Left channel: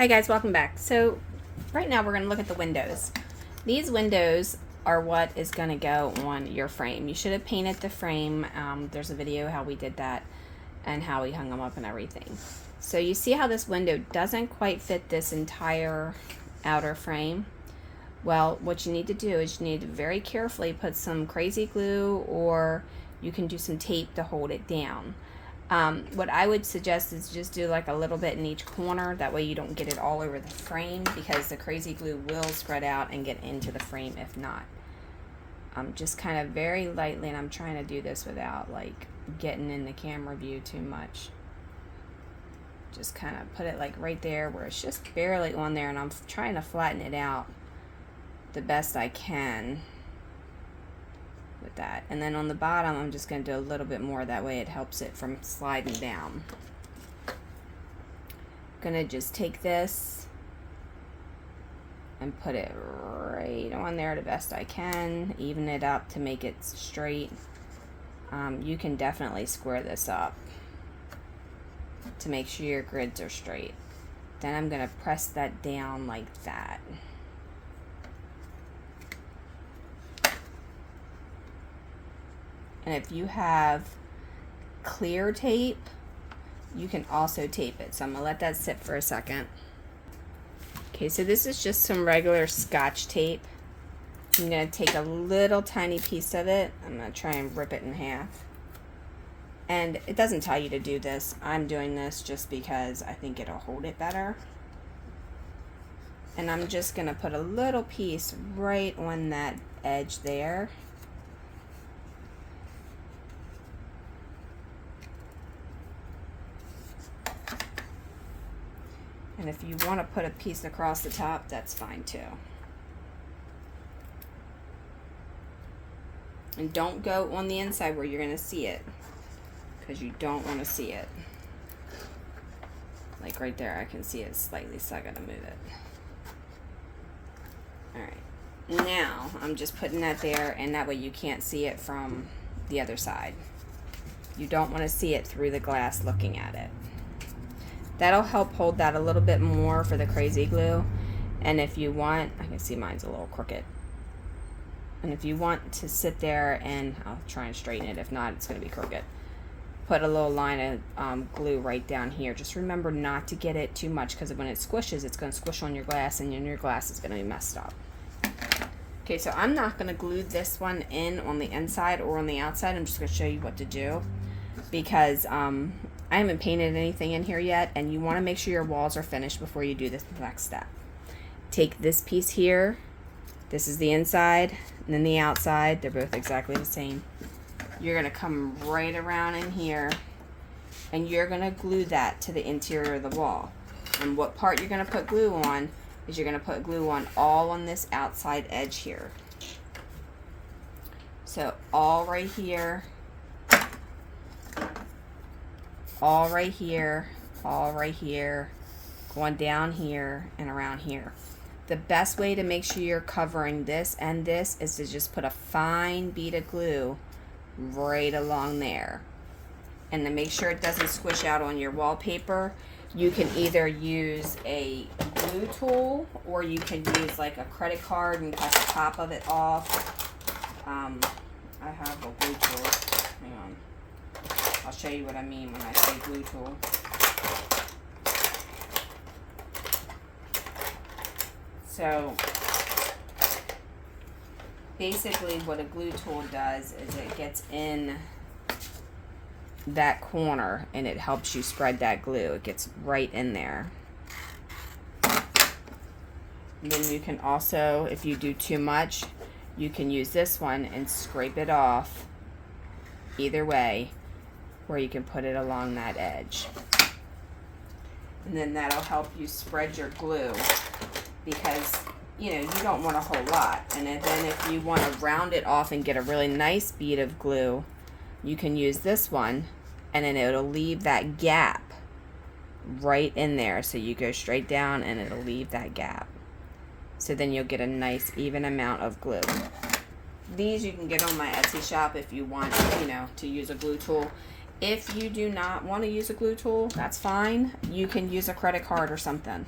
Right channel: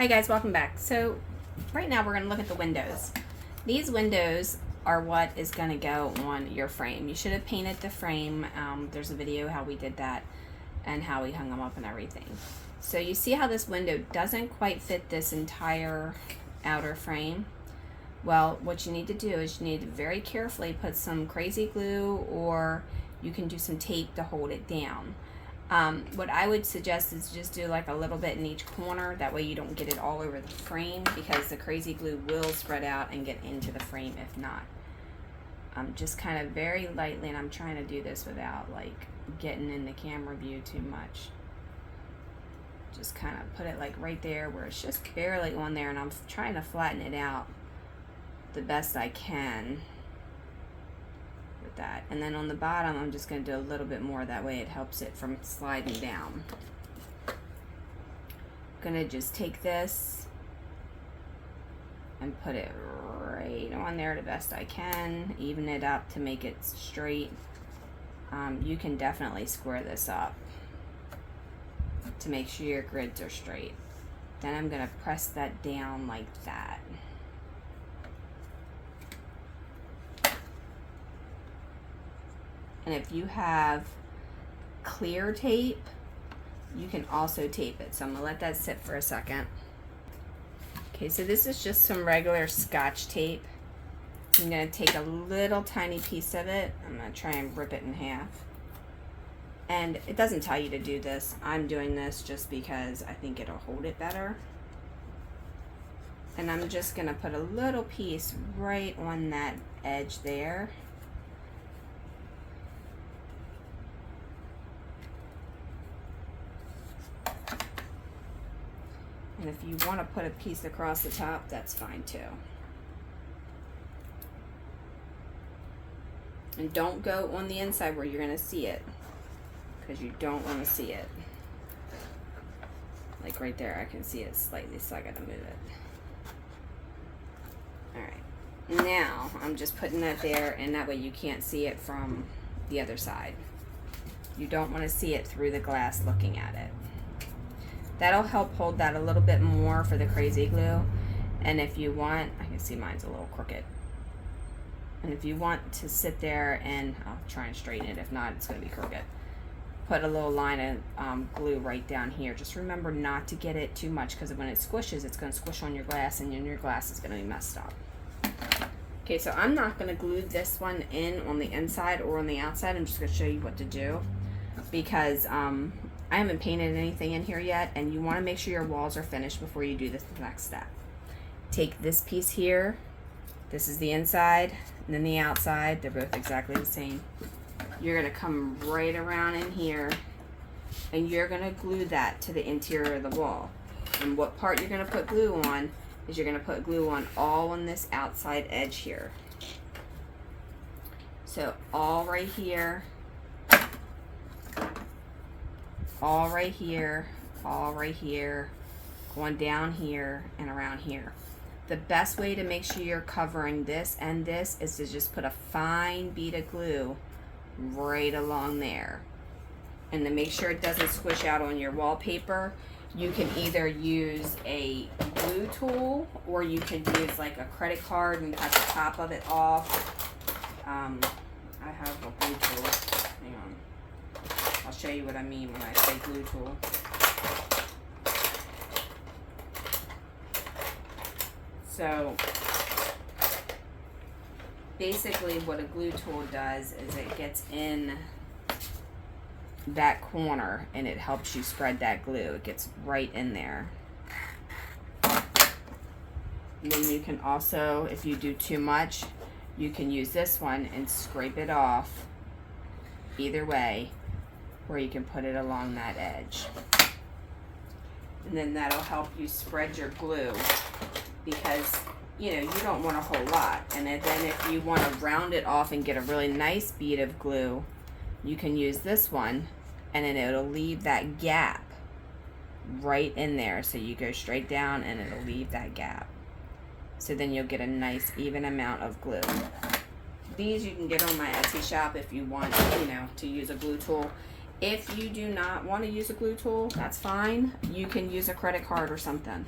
Hi guys, welcome back. So right now we're going to look at the windows. These windows are what is going to go on your frame. You should have painted the frame. There's a video how we did that and how we hung them up and everything. So you see how this window doesn't quite fit this entire outer frame? Well, what you need to do is you need to very carefully put some crazy glue, or you can do some tape to hold it down. What I would suggest is just do like a little bit in each corner. That way you don't get it all over the frame, because the crazy glue will spread out and get into the frame if not. Just kind of very lightly, and I'm trying to do this without like getting in the camera view too much. Just kind of put it like right there where it's just barely on there, and I'm trying to flatten it out the best I can with that. And then on the bottom I'm just going to do a little bit more, that way it helps it from sliding down. I'm going to just take this and put it right on there the best I can, even it up to make it straight. You can definitely square this up to make sure your grids are straight. Then I'm going to press that down like that. And if you have clear tape, you can also tape it. So I'm gonna let that sit for a second. Okay, so this is just some regular Scotch tape. I'm gonna take a little tiny piece of it. I'm gonna try and rip it in half. And it doesn't tell you to do this. I'm doing this just because I think it'll hold it better. And I'm just gonna put a little piece right on that edge there. And if you want to put a piece across the top, that's fine too. And don't go on the inside where you're going to see it, because you don't want to see it. Like right there, I can see it slightly, so I got to move it. Alright, now I'm just putting that there, and that way you can't see it from the other side. You don't want to see it through the glass looking at it. That'll help hold that a little bit more for the crazy glue. And if you want, I can see mine's a little crooked. And if you want to sit there, and I'll try and straighten it, if not, it's gonna be crooked. Put a little line of glue right down here. Just remember not to get it too much, because when it squishes, it's gonna squish on your glass, and your glass is gonna be messed up. Okay, so I'm not gonna glue this one in on the inside or on the outside. I'm just gonna show you what to do, because I haven't painted anything in here yet, and you want to make sure your walls are finished before you do this next step. Take this piece here. This is the inside, and then the outside. They're both exactly the same. You're going to come right around in here, and you're going to glue that to the interior of the wall. And what part you're going to put glue on is you're going to put glue on all on this outside edge here. So all right here, all right here, all right here, going down here and around here. The best way to make sure you're covering this and this is to just put a fine bead of glue right along there. And to make sure it doesn't squish out on your wallpaper, you can either use a glue tool, or you can use like a credit card and cut the top of it off. I have a glue tool. Hang on. I'll show you what I mean when I say glue tool. So basically what a glue tool does is it gets in that corner and it helps you spread that glue. It gets right in there. And then you can also, if you do too much, you can use this one and scrape it off either way, where you can put it along that edge. And then that'll help you spread your glue, because you know you don't want a whole lot. And then if you want to round it off and get a really nice bead of glue, you can use this one, and then it'll leave that gap right in there. So you go straight down and it'll leave that gap. So then you'll get a nice even amount of glue. These you can get on my Etsy shop if you want, you know, to use a glue tool. If you do not want to use a glue tool, that's fine. You can use a credit card or something.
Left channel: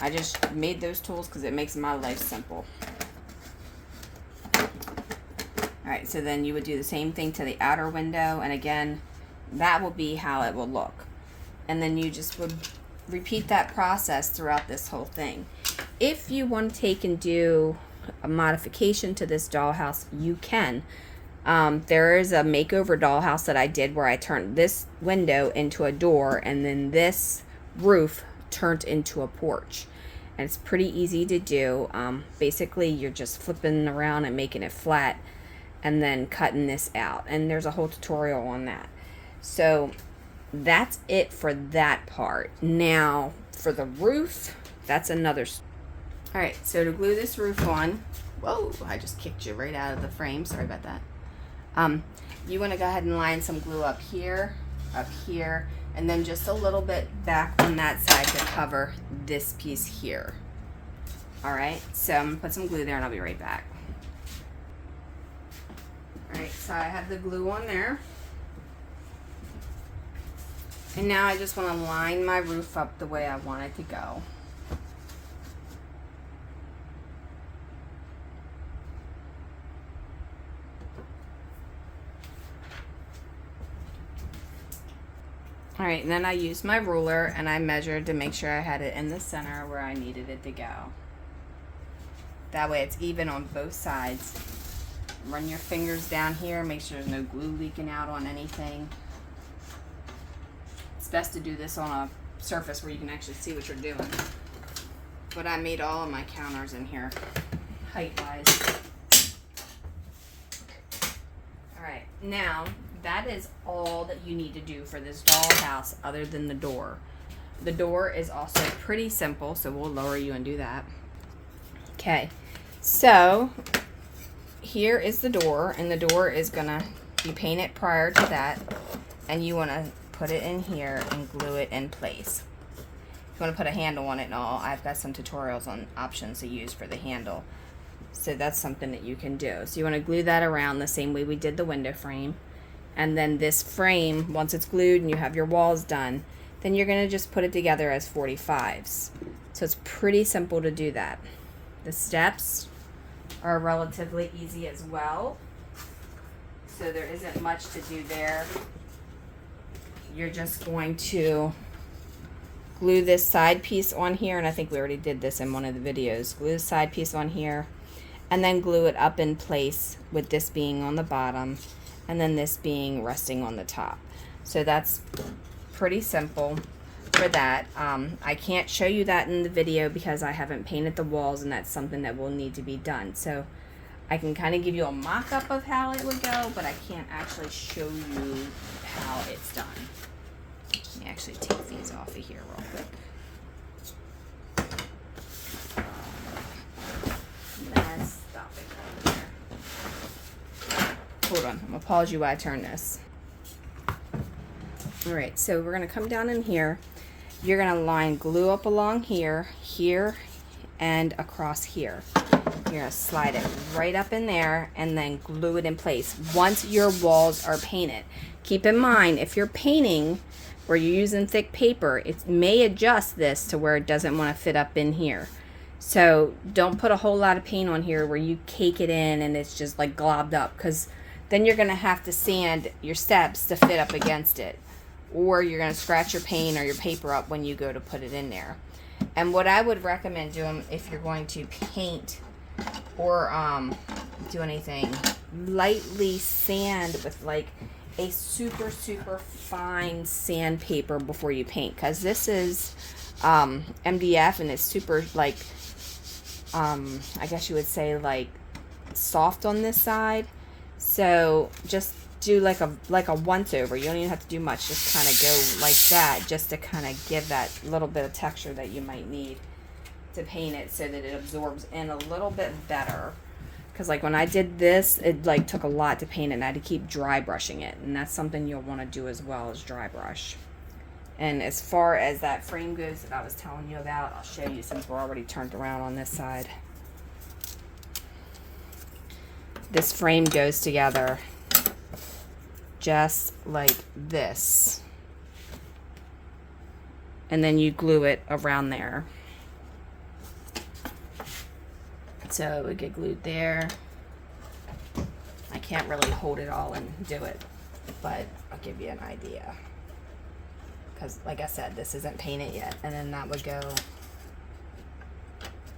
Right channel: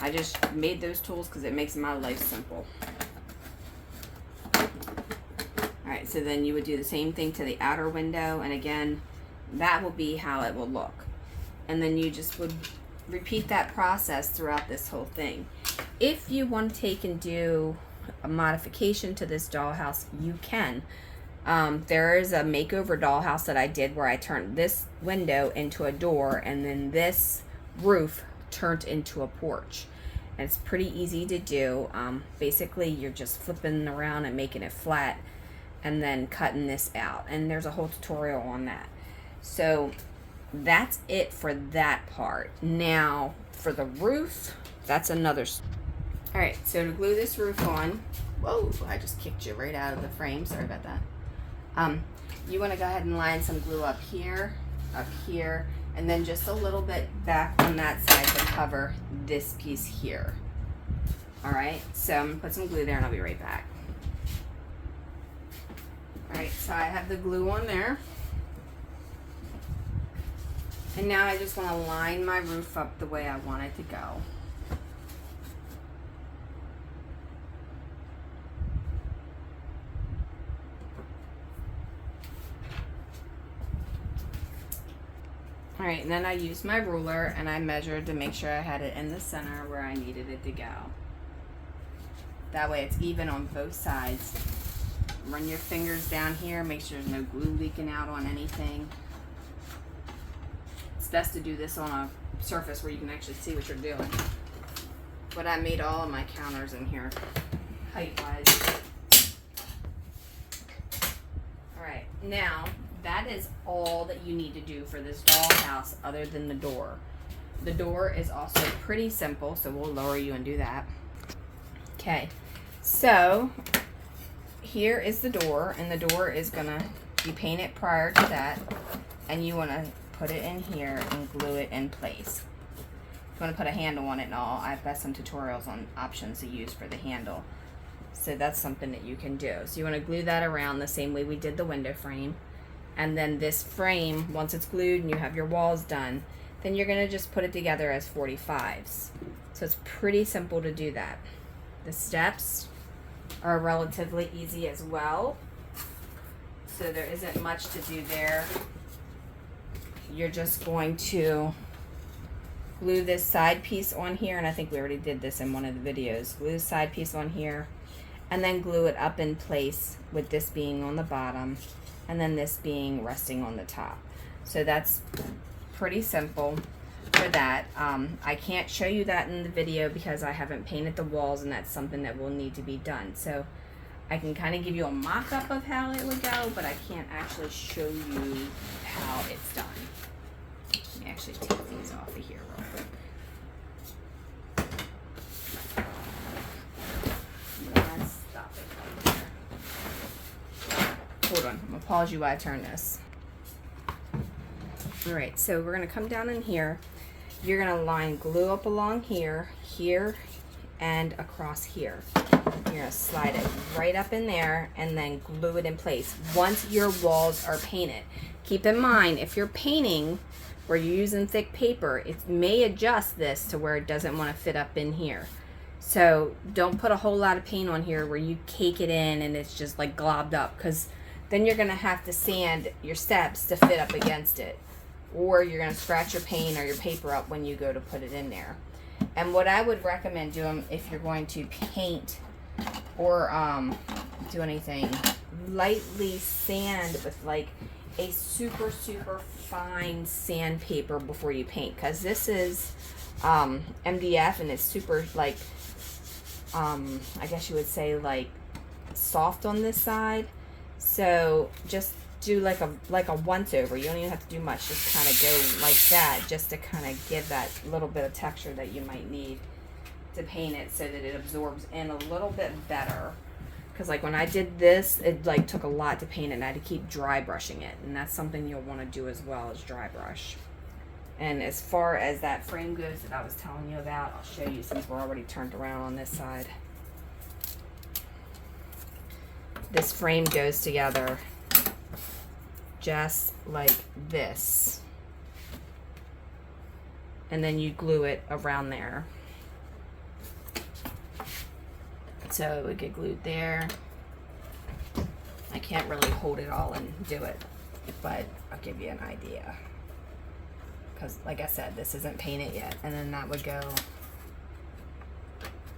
I just made those tools because it makes my life simple. Alright, so then you would do the same thing to the outer window, and again, that will be how it will look. And then you just would repeat that process throughout this whole thing. If you want to take and do a modification to this dollhouse, you can. There is a makeover dollhouse that I did where I turned this window into a door, and then this roof turned into a porch. And it's pretty easy to do. Basically, you're just flipping around and making it flat, and then cutting this out, and there's a whole tutorial on that. So that's it for that part. Now for the roof, that's another. All right, so to glue this roof on, whoa, I just kicked you right out of the frame, sorry about that. You want to go ahead and line some glue up here, and then just a little bit back on that side to cover this piece here. All right, so I'm gonna put some glue there and I'll be right back. Alright, so I have the glue on there. And now I just want to line my roof up the way I want it to go. Alright, and then I used my ruler and I measured to make sure I had it in the center where I needed it to go. That way it's even on both sides. Run your fingers down here, make sure there's no glue leaking out on anything. It's best to do this on a surface where you can actually see what you're doing. But I made all of my counters in here, height-wise. Alright, now that is all that you need to do for this dollhouse other than the door. The door is also pretty simple, so we'll lower you and do that. Okay, so here is the door, and the door is gonna be painted prior to that, and you want to put it in here and glue it in place. You want to put a handle on it and all. I've got some tutorials on options to use for the handle, so that's something that you can do. So you want to glue that around the same way we did the window frame, and then this frame, once it's glued and you have your walls done, then you're going to just put it together as 45s. So it's pretty simple to do that. The steps are relatively easy as well, so there isn't much to do there. You're just going to glue this side piece on here, and I think we already did this in one of the videos. Glue the side piece on here and then glue it up in place, with this being on the bottom and then this being resting on the top. So that's pretty simple for that. I can't show you that in the video because I haven't painted the walls, and that's something that will need to be done. So I can kind of give you a mock-up of how it would go, but I can't actually show you how it's done. Let me actually take these off of here real quick. Let's stop it right there. Hold on, I'm gonna pause you while I turn this. Alright, so we're going to come down in here. You're going to line glue up along here, here, and across here. You're going to slide it right up in there and then glue it in place once your walls are painted. Keep in mind, if you're painting where you're using thick paper, it may adjust this to where it doesn't want to fit up in here. So don't put a whole lot of paint on here where you cake it in and it's just like globbed up, because then you're going to have to sand your steps to fit up against it. Or you're going to scratch your paint or your paper up when you go to put it in there. And what I would recommend doing if you're going to paint or do anything, lightly sand with like a super fine sandpaper before you paint, because this is MDF and it's super like I guess you would say like soft on this side. So just do like a once over. You don't even have to do much, just kind of go like that, just to kind of give that little bit of texture that you might need to paint it so that it absorbs in a little bit better. Because like when I did this, it like took a lot to paint it, and I had to keep dry brushing it, and that's something you'll want to do as well, as dry brush. And as far as that frame goes that I was telling you about, I'll show you since we're already turned around on this side. This frame goes together just like this, and then you glue it around there. So it would get glued there. I can't really hold it all and do it, but I'll give you an idea. Because like I said, this isn't painted yet. And then that would go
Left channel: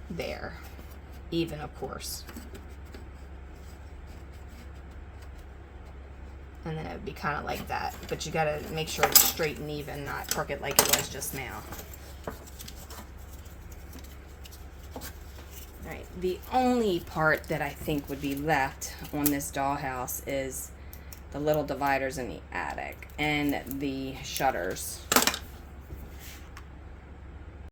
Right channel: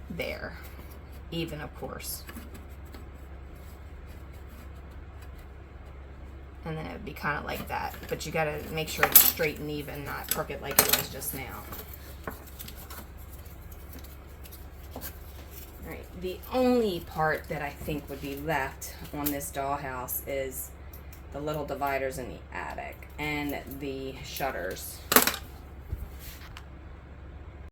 there. Even, of course. And then it would be kind of like that. But you got to make sure it's straight and even, not crooked like it was just now. Right. The only part that I think would be left on this dollhouse is the little dividers in the attic and the shutters.